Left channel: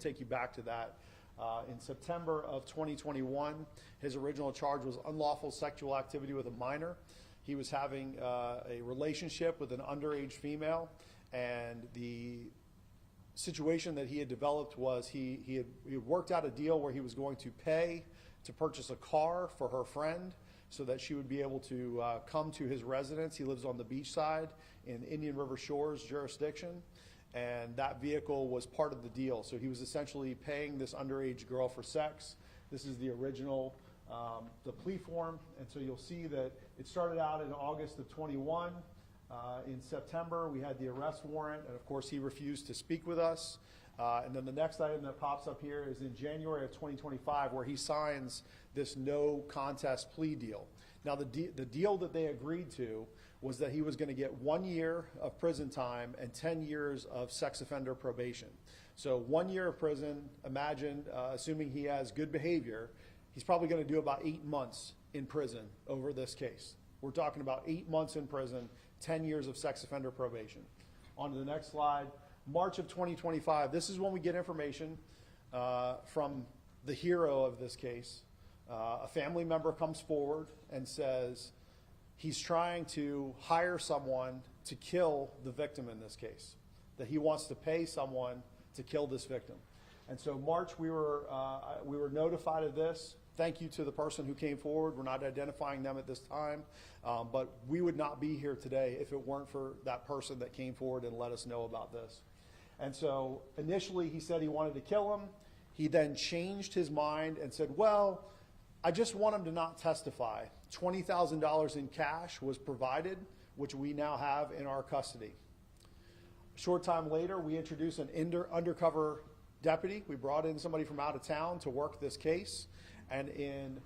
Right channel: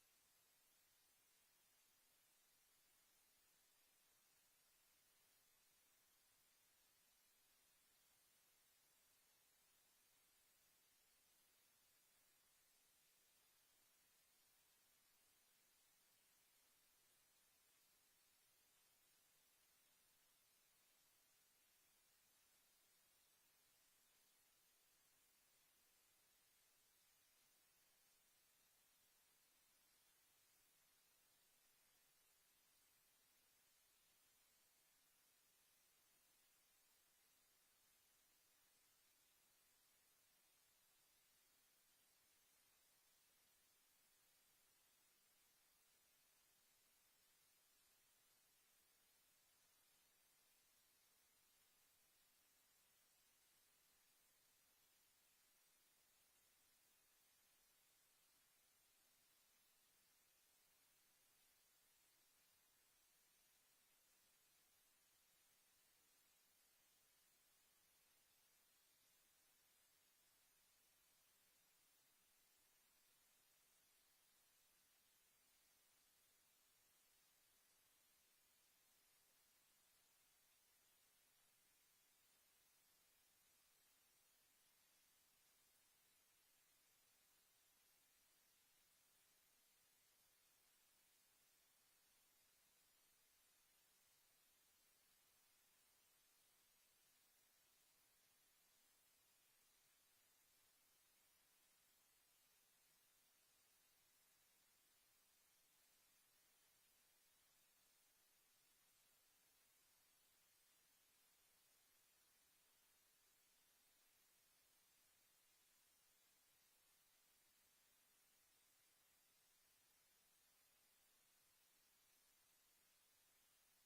to take you back to that. In September of 2021, his original charge was unlawful sexual activity with a minor. He was having a relationship with an underage female, and the situation that he had developed was he had worked out a deal where he was going to pay to purchase a car for her friend so that she would be able to come to his residence. He lives on the beach side in Indian River Shores jurisdiction, and that vehicle was part of the deal. So he was essentially paying this underage girl for sex. This is the original, the plea form, and so you'll see that it started out in August of 21. In September, we had the arrest warrant, and of course he refused to speak with us. And then the next item that pops up here is in January of 2025, where he signs this no contest plea deal. Now the deal that they agreed to was that he was going to get 1 year of prison time and 10 years of sex offender probation. So 1 year of prison, imagine, assuming he has good behavior, he's probably going to do about 8 months in prison over this case. We're talking about 8 months in prison, 10 years of sex offender probation. On to the next slide. March of 2025, this is when we get information from the hero of this case. A family member comes forward and says he's trying to hire someone to kill the victim in this case, that he wants to pay someone to kill this victim. And so March, we were notified of this. Thank you to the person who came forward. We're not identifying them at this time, but we would not be here today if it weren't for that person that came forward and let us know about this. And so initially he said he wanted to kill him. He then changed his mind and said, well, I just want him to not testify. $20,000 in cash was provided, which we now have in our custody. A short time later, we introduced an undercover deputy. We brought in somebody from out of town to work this case. And in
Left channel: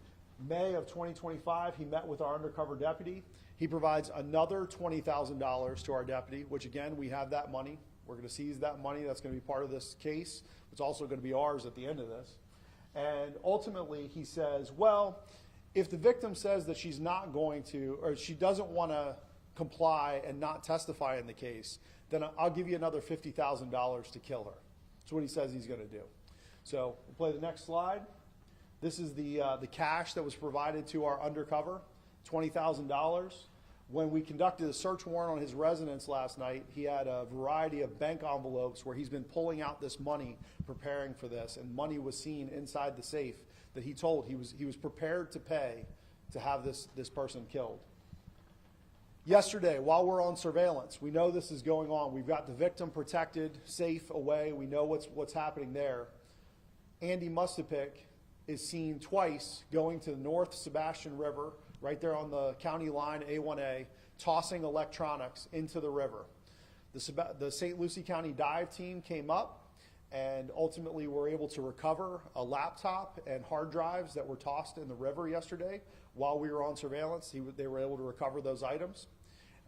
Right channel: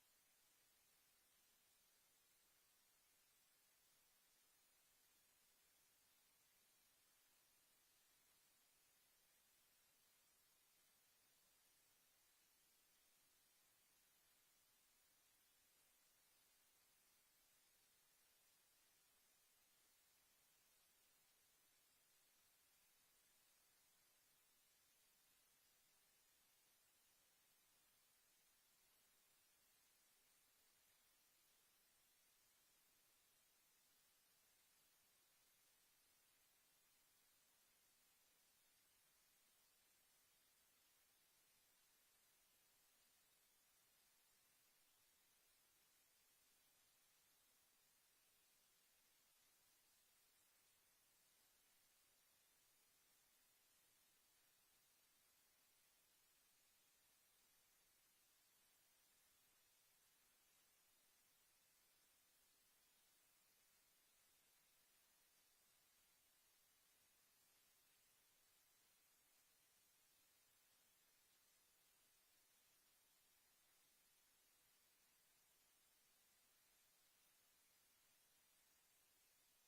May of 2025, he met with our undercover deputy. He provides another $20,000 to our deputy, which again, we have that money. We're going to seize that money. That's going to be part of this case. It's also going to be ours at the end of this. And ultimately, he says, well, if the victim says that she's not going to, or she doesn't want to comply and not testify in the case, then I'll give you another $50,000 to kill her. That's what he says he's going to do. So we'll play the next slide. This is the cash that was provided to our undercover, $20,000. When we conducted a search warrant on his residence last night, he had a variety of bank envelopes where he's been pulling out this money, preparing for this, and money was seen inside the safe that he told he was prepared to pay to have this person killed. Yesterday, while we're on surveillance, we know this is going on. We've got the victim protected, safe, away. We know what's happening there. Andy Mustapik is seen twice going to the North Sebastian River, right there on the county line, A1A, tossing electronics into the river. The St. Lucie County dive team came up and ultimately were able to recover a laptop and hard drives that were tossed in the river yesterday. While we were on surveillance, they were able to recover those items.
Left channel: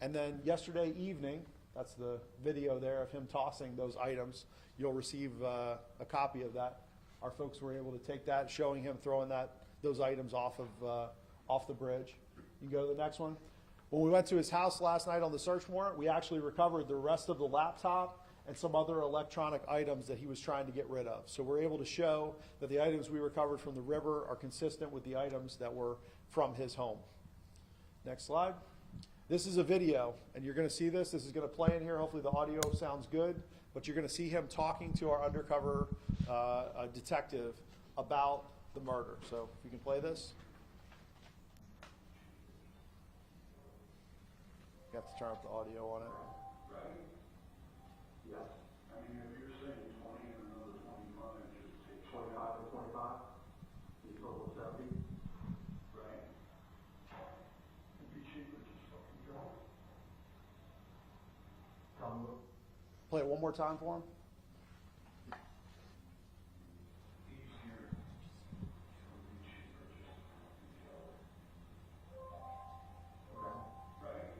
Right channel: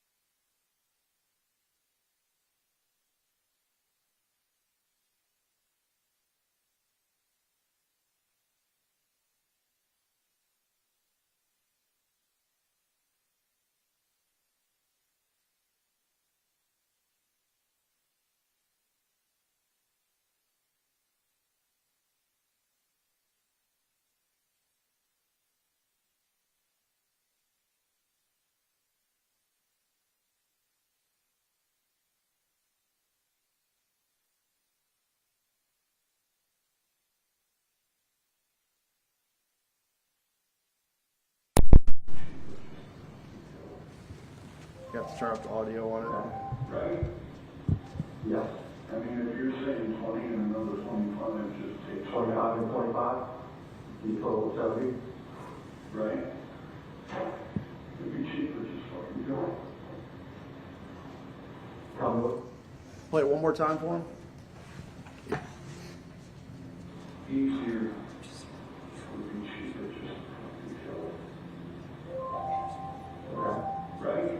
And then yesterday evening, that's the video there of him tossing those items. You'll receive a copy of that. Our folks were able to take that, showing him throwing those items off the bridge. You can go to the next one. When we went to his house last night on the search warrant, we actually recovered the rest of the laptop and some other electronic items that he was trying to get rid of. So we're able to show that the items we recovered from the river are consistent with the items that were from his home. Next slide. This is a video, and you're going to see this. This is going to play in here. Hopefully the audio sounds good, but you're going to see him talking to our undercover detective about the murder. So if you can play this. You have to turn up the audio on it. Right? Yes. I mean, if you're saying 20 and another 25, just take 25 and 25, you total 70. Right? It'd be cheaper, just fucking go. Play it one more time for him. Easier. Would be cheaper, just fucking go. Okay. Right?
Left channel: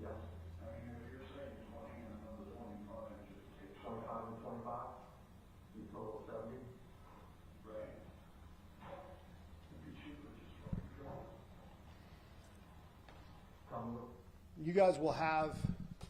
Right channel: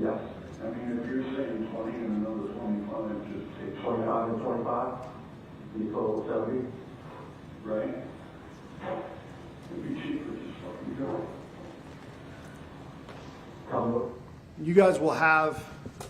Yes. I mean, if you're saying 20 and another 25, just take 25 and 25, you total 70. Right? It'd be cheaper, just fucking go. You guys will have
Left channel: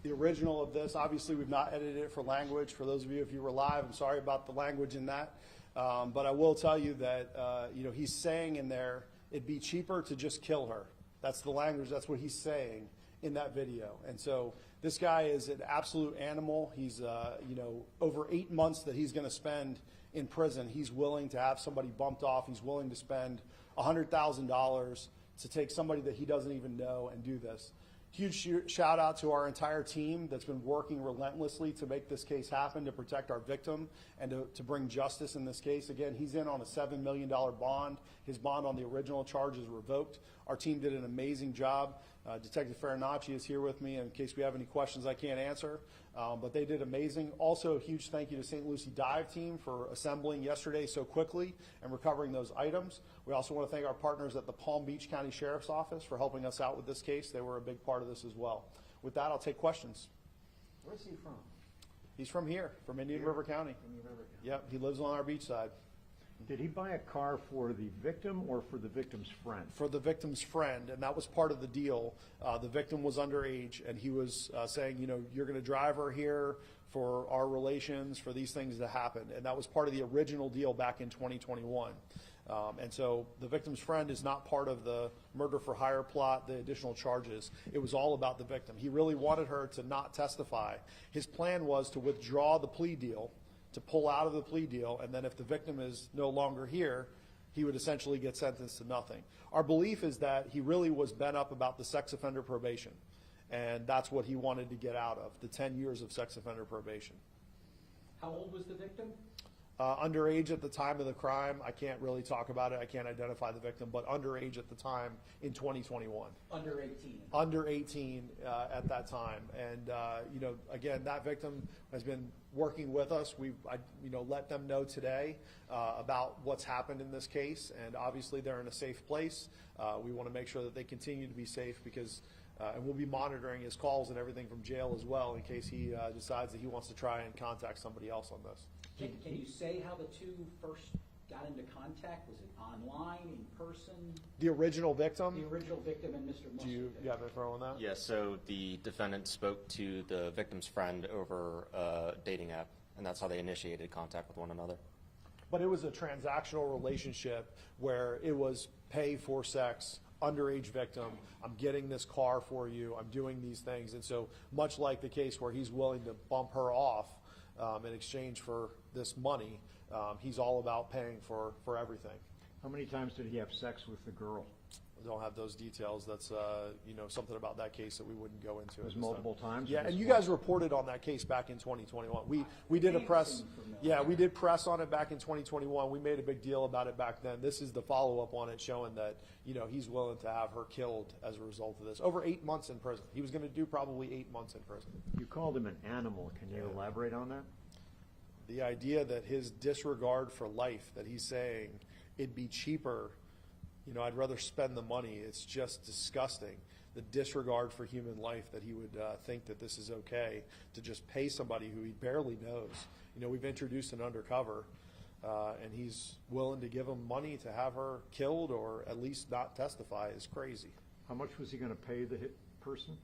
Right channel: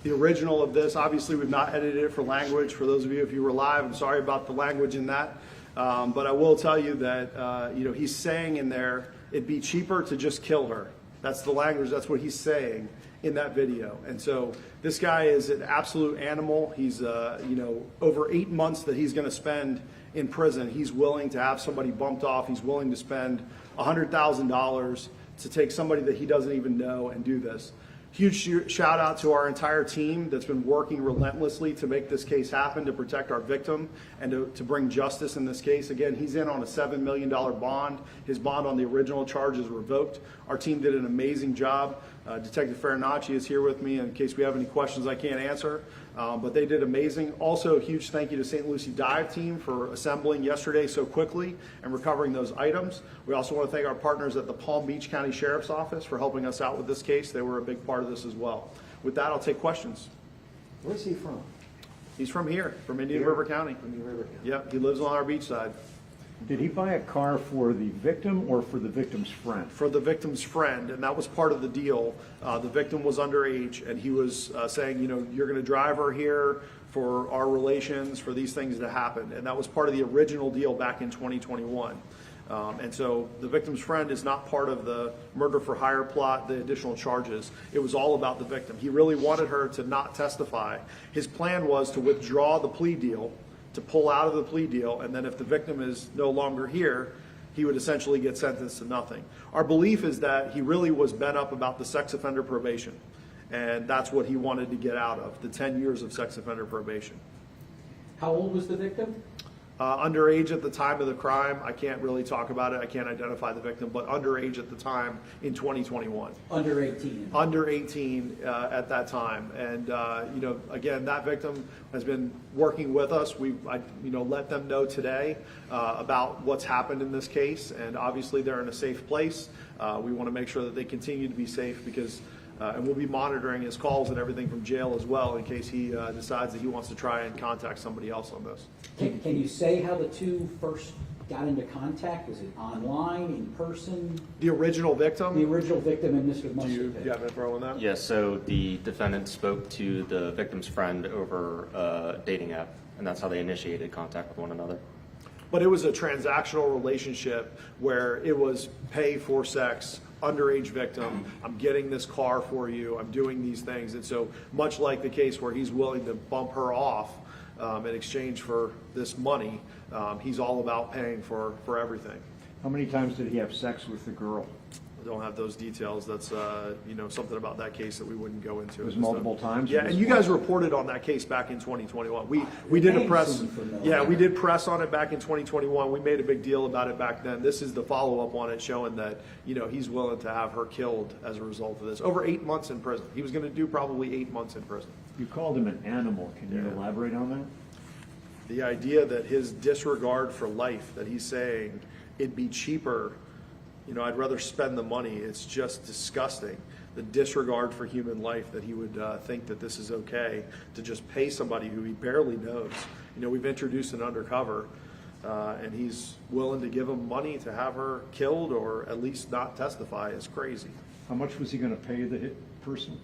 The original of this, obviously we've not edited it for language. For those of you, if you were live, I'm sorry about the language in that. But I will tell you that, he's saying in there, it'd be cheaper to just kill her. That's the language, that's what he's saying in that video. And so this guy is an absolute animal. He's, over 8 months that he's gonna spend in prison, he's willing to have somebody bumped off. He's willing to spend $100,000 to take somebody that he doesn't even know and do this. Huge shout out to our entire team that's been working relentlessly to make this case happen, to protect our victim, and to bring justice in this case. Again, he's in on a $7 million bond. His bond on the original charge is revoked. Our team did an amazing job. Detective Farinacci is here with me in case we have any questions I can't answer. But they did amazing. Also, a huge thank you to St. Lucie Dive Team for assembling yesterday so quickly and recovering those items. We also want to thank our partners at the Palm Beach County Sheriff's Office for helping us out with this case. They were a big part of this as well. With that, I'll take questions. Where's he from? He's from here, from Indian River County. Indian River County. Yep, he lives on our beach side. Did he buy a car for the victim or for the victim's friend? For the victim's friend, and that was part of the deal. The victim was underage, and he was saying, you're going to drive her here for our relations, for these things to happen. And that was part of the original deal back in 2021. And so the victim's friend is not part of the murder for hire plot, the additional charges. It was all about the victim. He really wanted her to not testify. His plan was to withdraw the plea deal, to pull out of the plea deal, and then if the victim is no longer here, he would essentially get sentenced to nothing. Our belief is that he really was bent up about the sex offender probation, and that's what he wanted to get out of, the 10 years of sex offender probation. How old was the victim? Underage at the time of the crime. I can't really talk about it. I can't identify the victim, but underage at the time in 2021. Under 18. Under 18 at that time. And, again, that victim has been working with us. I let them know today about what's happened in this case. And obviously they're in a safe place. We want to make sure that they continue to be safe because and we'll be monitoring his calls and everything from jail as well in case he decides that he wants to try and contact somebody else on this. Can you say how the two first got into contact? Was it online, in person? The original victim? The original victim and Mr. Mustard. Do you have info on that? Yes, so the defendant spoke to the victim's friend over a dating app, and that's how they initiated contact with one another. But it was a transactional relationship where it was pay for sex, underage victim, I'm getting this car for you, I'm doing these things. And so much like the case where he's willing to bump her off in exchange for this money, he's all about paying for everything. How many times did he have sex with the girl? I don't have those details. That's something about that case that we wouldn't go into. It was multiple times? Yeah, and you guys reported on that case back in 2021. We did a press. Yeah, we did press on it back in 2021. We made a big deal about it back then. This is the follow-up on it, showing that he's willing to have her killed as a result of this. Over 8 months in prison. He was going to do probably 8 months in prison. You called him an animal. Can you elaborate on that? The idea that his disregard for life, that he's saying it'd be cheaper. I'd rather spend the money. It's just disgusting. The disregard for human life that he would think that this is okay to just pay somebody who he barely knows. We've introduced an undercover, and he's willing to give him money to have her killed or at least not testify is crazy. How much was he going to pay the hit person?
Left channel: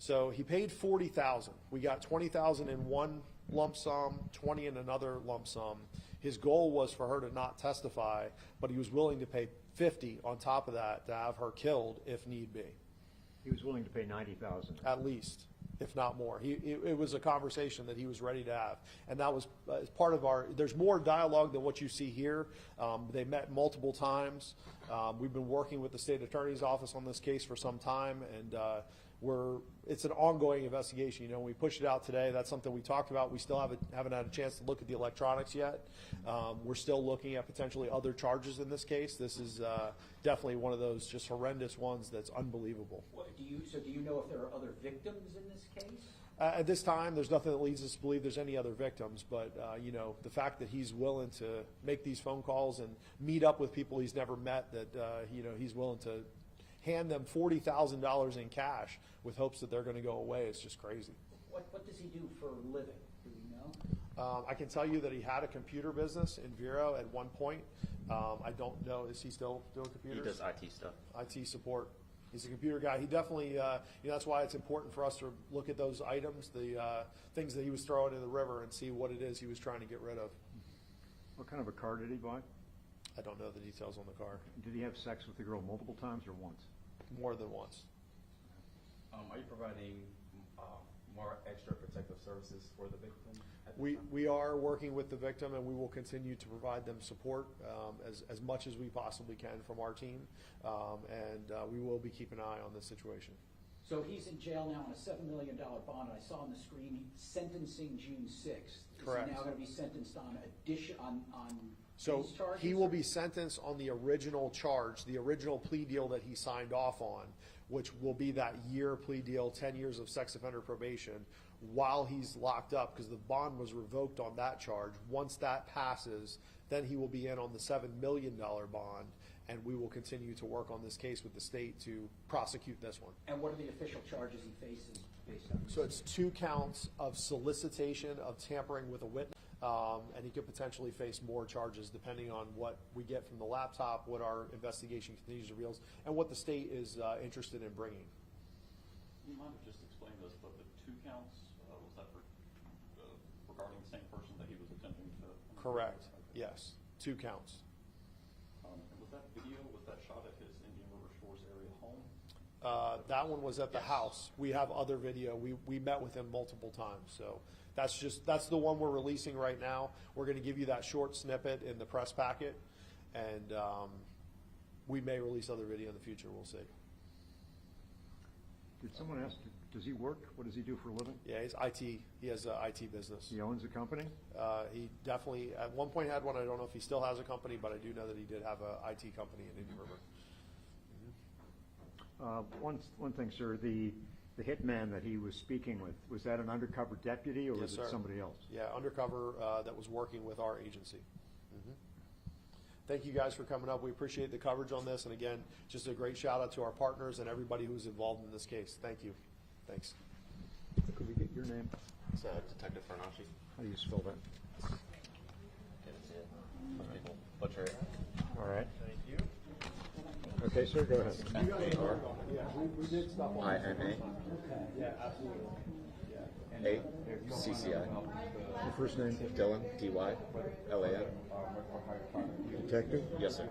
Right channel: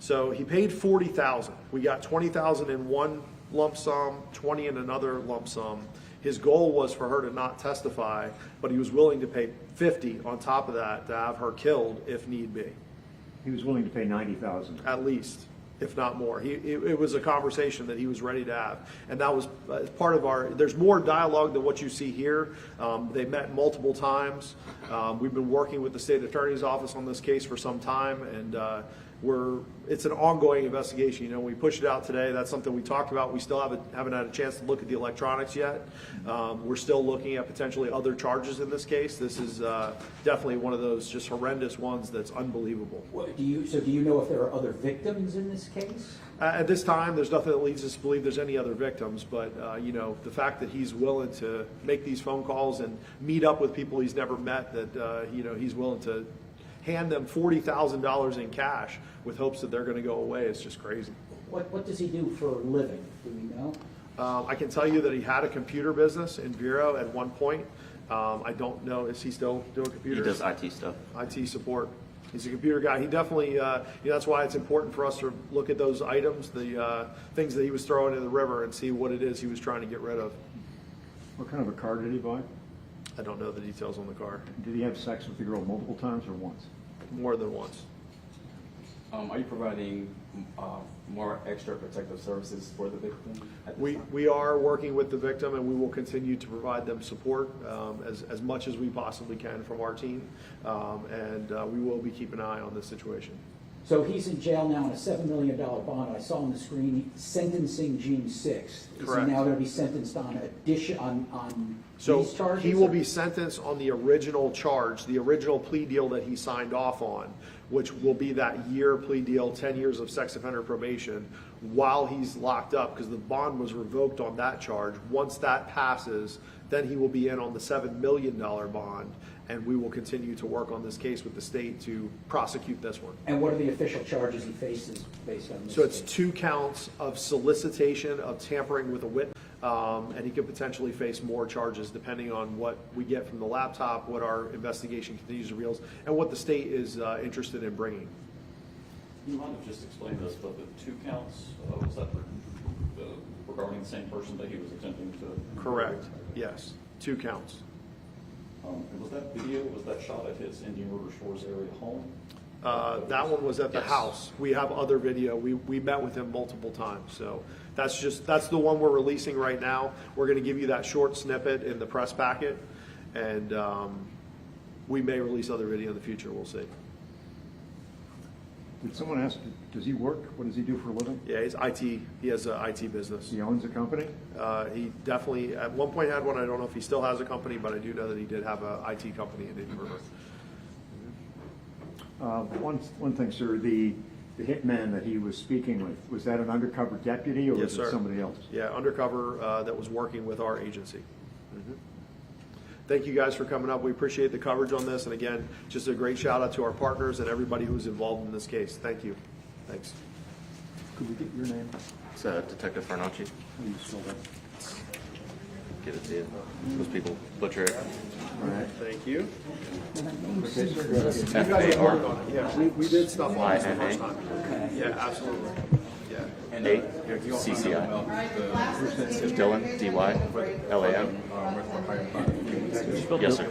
So he paid $40,000. We got $20,000 in one lump sum, 20 in another lump sum. His goal was for her to not testify, but he was willing to pay $50 on top of that to have her killed if need be. He was willing to pay $90,000. At least, if not more. It was a conversation that he was ready to have. And that was part of there's more dialogue than what you see here. They met multiple times. We've been working with the state attorney's office on this case for some time, and it's an ongoing investigation. We pushed it out today. That's something we talked about. We still haven't had a chance to look at the electronics yet. We're still looking at potentially other charges in this case. This is definitely one of those just horrendous ones that's unbelievable. Do you know if there are other victims in this case? At this time, there's nothing that leads us to believe there's any other victims, but the fact that he's willing to make these phone calls and meet up with people he's never met, that he's willing to hand them $40,000 in cash with hopes that they're going to go away, it's just crazy. What does he do for a living? Do we know? I can tell you that he had a computer business in Vero at one point. I don't know, is he still doing computers? He does IT stuff. IT support. He's a computer guy. He definitely, that's why it's important for us to look at those items, the things that he was throwing in the river, and see what it is he was trying to get rid of. What kind of a car did he buy? I don't know the details on the car. Did he have sex with the girl multiple times or once? More than once. Are you providing more extra protective services for the victim at this time? We are working with the victim, and we will continue to provide them support as much as we possibly can from our team, and we will be keeping an eye on this situation. So he's in jail now on a $7 million bond. I saw on the screen sentencing June 6th. Is Correct. he now going to be sentenced on on So these charges? he will or- be sentenced on the original charge, the original plea deal that he signed off on, which will be that year plea deal, 10 years of sex offender probation, while he's locked up, because the bond was revoked on that charge. Once that passes, then he will be in on the $7 million bond, and we will continue to work on this case with the state to prosecute this one. And what are the official charges he faces based on this? So it's case? 2 counts of solicitation of tampering with a witness, and he could potentially face more charges depending on what we get from the laptop, what our investigation continues to reveal, and what the state is interested in bringing. You might have just explained this, but the 2 counts, was that regarding the same person that he was attempting to? Correct, yes, 2 counts. And was that video, was that shot at his Indian River Shores area home? That one was at the Yes. house. We have other video. We met with him multiple times. So that's the one we're releasing right now. We're going to give you that short snippet in the press packet, and we may release other video in the future. We'll see. Did someone ask, does he work? What does he do for a living? Yeah, he's IT. He has an IT business. He owns a company? He definitely at one point had one. I don't know if he still has a company, but I do know that he did have an IT company in Indian River. One thing, sir, the hitman that he was speaking with, was that an undercover deputy or Yes, was it sir. somebody else? Yeah, undercover that was working with our agency. Thank you guys for coming up. We appreciate the coverage on this. And again, just a great shout out to our partners and everybody who's involved in this case. Thank you. Thanks. Could we get your name? It's Detective Farnacci. How do you spell that? Get it to you. Most people butcher it. All right. Thank you. Okay, sir. You guys have worked on it. Yeah, we did stuff on this the INA. first time. Yeah, absolutely. Yeah. And A CCI. Dylan, DY, LAM. Yes, sir.